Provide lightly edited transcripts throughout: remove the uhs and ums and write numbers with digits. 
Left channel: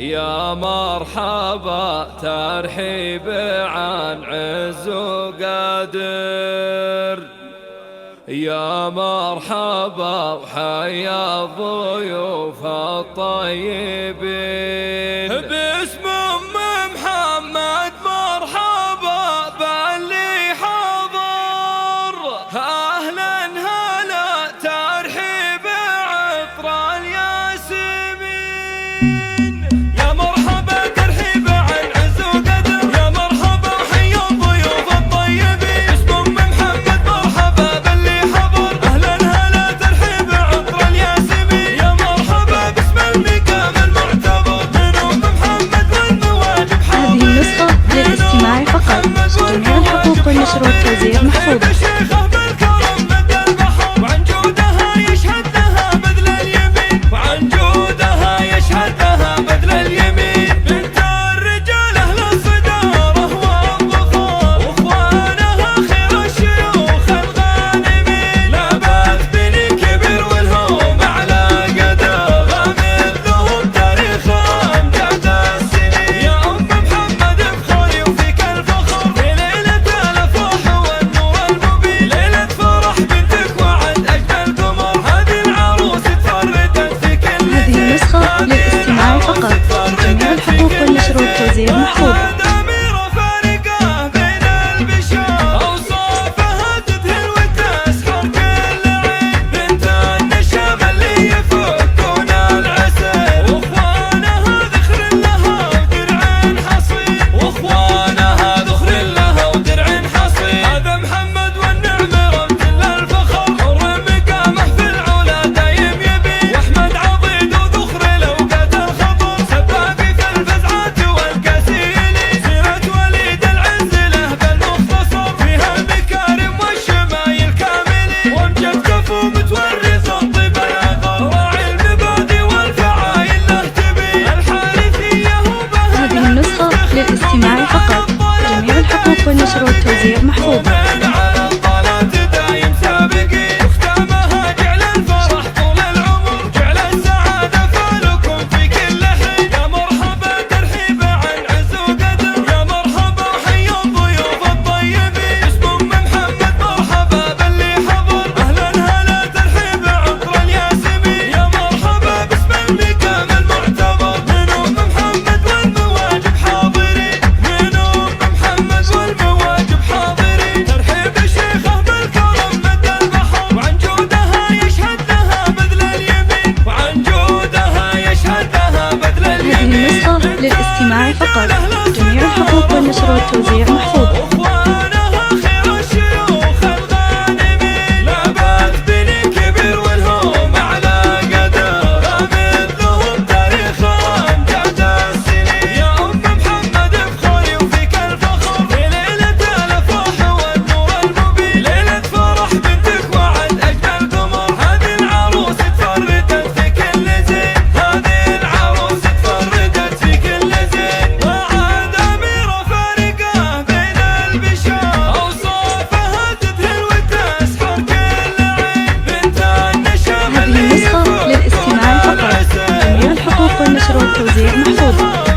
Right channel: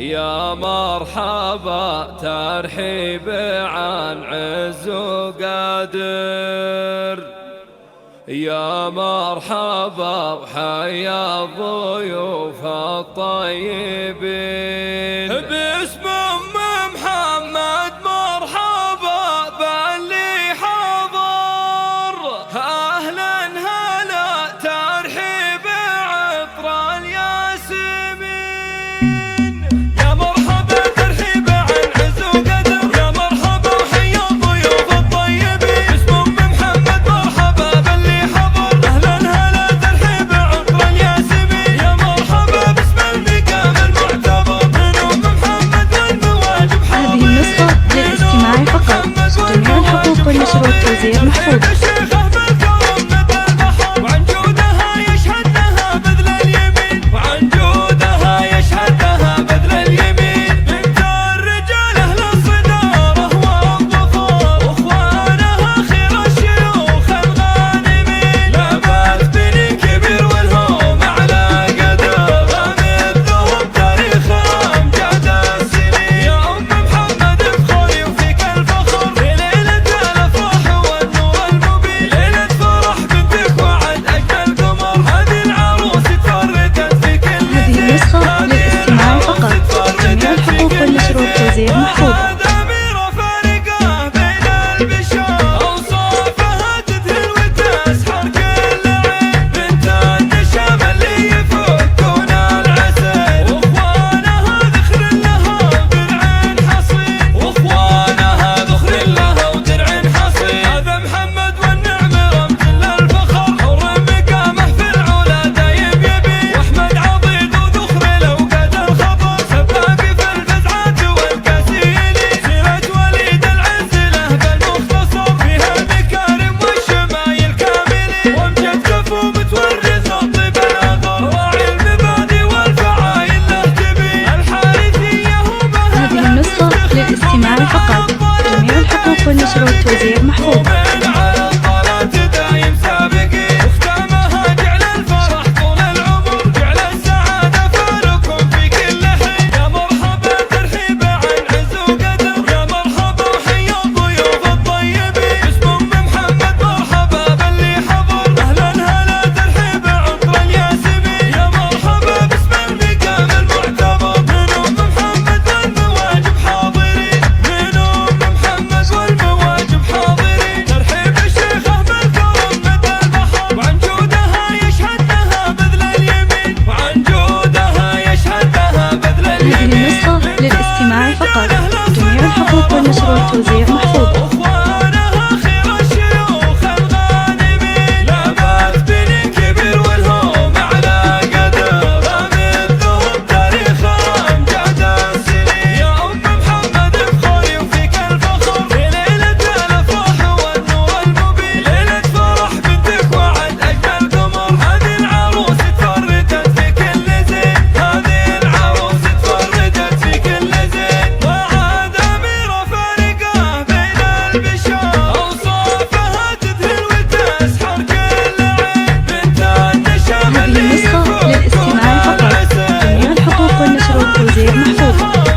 يا مرحبا ترحيب عن عز وقادر، يا مرحبا وحيا الضيوف الطيبين. باسم محمد مرحبا باللي حضر، أهلا هلا ترحيب عطر الياسمين. يا مرحبا ترحيب عن عز وقدر، يا مرحبا وحيا الضيوف الطيبين. باسم محمد مرحبا باللي حضر، أهلا هلا ترحيب عطر الياسمين. يا مرحبا باسم المقام المعتبر من محمد والمواجب حاضر. هذه النسخة للاستماع فقط، جميع الحقوق والنشر والتوزيع محفوظة. وعن جودها يشهد لها بذل اليمين، وعن جودها يشهد لها بذل اليمين. بنت الرجال أهل الصدارة والظفار، واخوانها خير الشيوخ الغانمين. لابد بني كبير والهم على قدر، مثلهم تاريخ أمجاد السنين. يا أم محمد افخري وفيك الفخر، في ليلة الأفراح والنور المبين. ليلة فرح بنتك وعد أجمل قمر، هذه العروس تفردت في كل. هذه النسخة للاستماع فقط، جميع الحقوق والنشر والتوزيع محفوظة. للاستماع فقط، جميع الحقوق والنشر والتوزيع محفوظة. هذه النسخة للاستماع فقط، جميع الحقوق والنشر والتوزيع محفوظة. للاستماع فقط، جميع الحقوق والنشر والتوزيع محفوظة.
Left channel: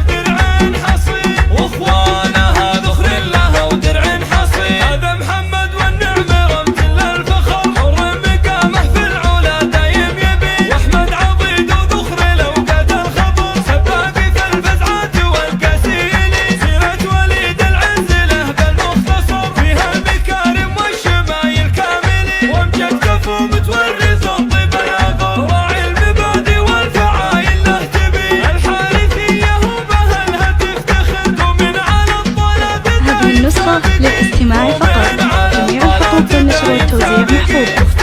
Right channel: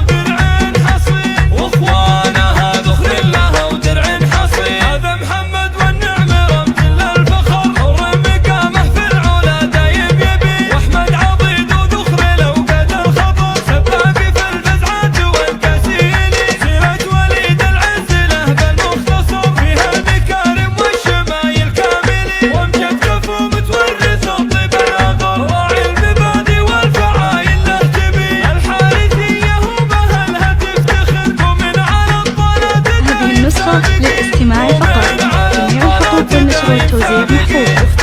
للاستماع فقط، جميع الحقوق والنشر والتوزيع محفوظة.